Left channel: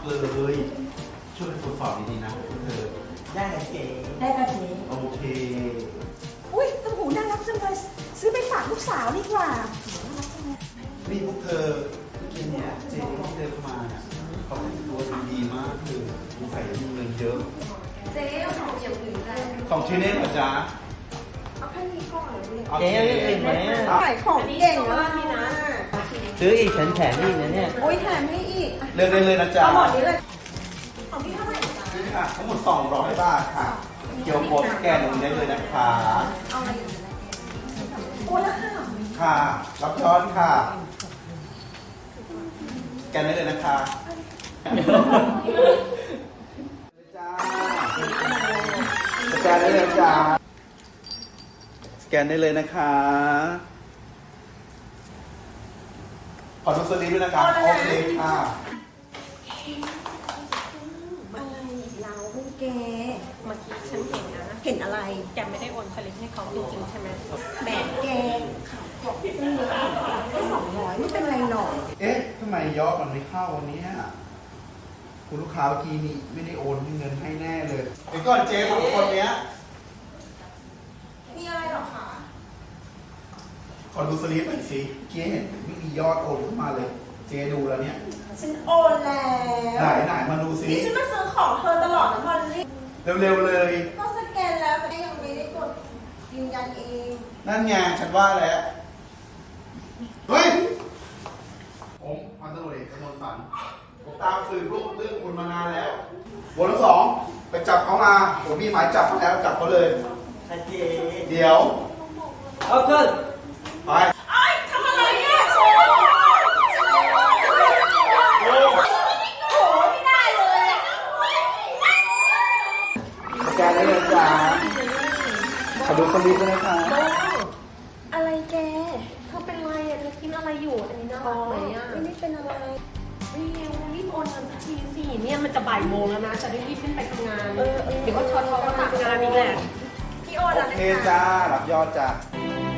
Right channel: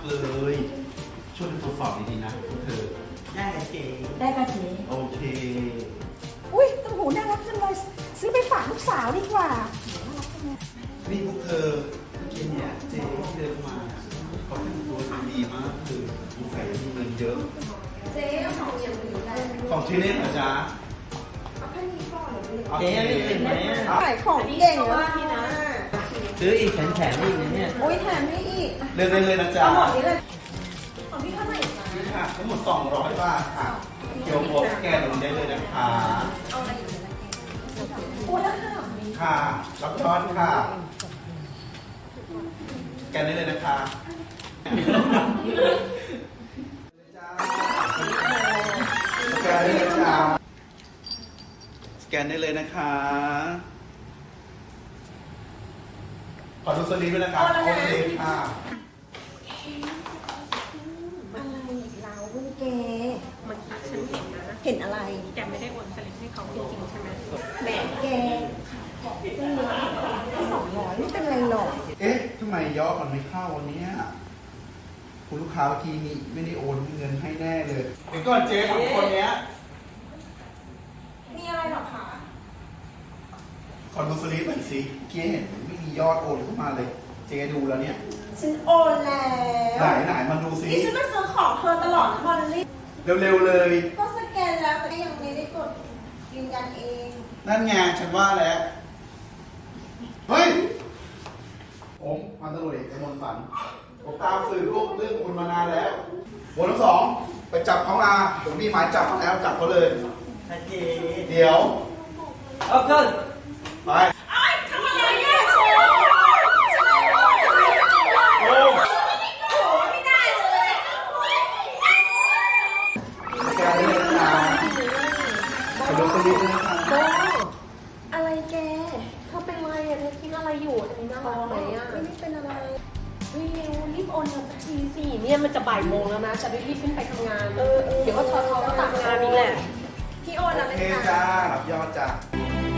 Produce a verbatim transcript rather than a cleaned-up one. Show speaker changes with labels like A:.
A: เลยช่วยตรวจสอบดีๆนะเธอ
B: ได้ไหมเจ๊
C: ได้ค่ะเจ๊
A: โอเค
C: อุ้ยต้มหูน่ารักจังเลยซื้อไปฝากลูกสาวดีกว่าน่ารักจังเลย
A: นี่พวกเธอเมื่อกี้เนี่ยเจ๊ที่เดินมาเขาดูดีมากคือดูใส่เงินเยอะ
D: เจ๊เอาของอย่างอื่นได้
A: ของชิ้นนี้เหรอจ๊ะ
D: เอาแค่นี้ก่อนเหรอเลย
A: โอ
B: เจ๊
A: เค
B: ไม่กินไหม
C: ขายของเก่ง
D: ว่า
C: นะ
D: พี่นะ
B: ซื้ออีกแถมแถมอีกนะเนี่ย
C: โอ้ยแถมให้อีก
A: เลือกได้เลยนะจ๊ะ
C: เอาหมดนี้เลย
D: ของพี่เท่าไหร่จ๊ะ
A: นี่ค่ะทั้งหมดสองร้อยบาทค่ะเดี๋ยวโพสแกนลงได้เลยนะคะ
D: เอาอะไรอยู่ในแกง
C: โอ้แล้วค่ะ
A: ค่ะรับช้อนค่ะแกนได้เลยนะคะสแกนได้เลยจ้าสแกนได้เลยนะคะ ขอดูสลิปด้วยนะครับ โอเคค่ะ
C: อะไรเราลูกแก
D: เมื่อกี้ฉันเห็นนะ
C: เห็นอะไร
D: แกไม่ได้โอนสลิปให้เขาจริงๆใช่ไหม
C: แหมแกขายของเพิ่งรู้แค่สองร้อยไม่เป็นไรหรอก
A: เอ๊ะทำไมยอดมันไม่เข้าวันนี้คุณลูกค้าเมื่อกี้นี้ไม่ได้โอนเงินให้แน่เลยเดี๋ยวก่อนเจ๊สองคนเนี้ย
C: มีอะไรหรอคะ
A: ขอดูสลิปหน่อยสิเจ๊เห็นไม่มียอดโอนเข้ามาเลย เจ๊ดูแล้วเนี่ย
C: ฉันโอนแล้
A: ไหน
C: ว
A: ไหนมาดูสิ
C: นี่ฉันมาซื้อของเธอตลอดนะมอลลี่
A: เร็วๆเลย
C: ก็สแกนแล้วแต่ยังไม่ได้กดยืนยันเอง
A: นั่นไงฉันว่าแล้ว เฮ้ย ผมพันตำรวจเอกกมลสันผมตามสืบเรื่องคุณมานานแล้ววันที่สองไปจับเขามา ผมมีหมายจับมาแล้วจับเขาเลย
B: ค่ะเจ๊
A: เดี๋ยว
B: เอาขึ้น
A: ไป
C: ทำอะไรเนี่ยเชฟ
A: โอ้
C: โอ้ไม่ได้เลย
A: แกนี่เลยจ้าขอดูสลิปด้วยนะคะ
D: อะไรแกเธอเป็นไรอะเธอกินอะไรอยู่อันนี้น่ารักไหมอะ
C: ไม่เป็นอะไร
D: เฮ้ยเร็วรีบโอนเงินสักทีสิเนี่ยมันจะบ่ายโมงแล้วนะจะได้รีบขึ้นไปทำงาน
C: เออเออ
D: เดี๋ยวก็ทอทอก็ตามงานนี่แหละพี่โอน
A: โอ
D: แล้วนะ
A: เค
D: คะ
A: จ้า รับยอดจ้า
D: โ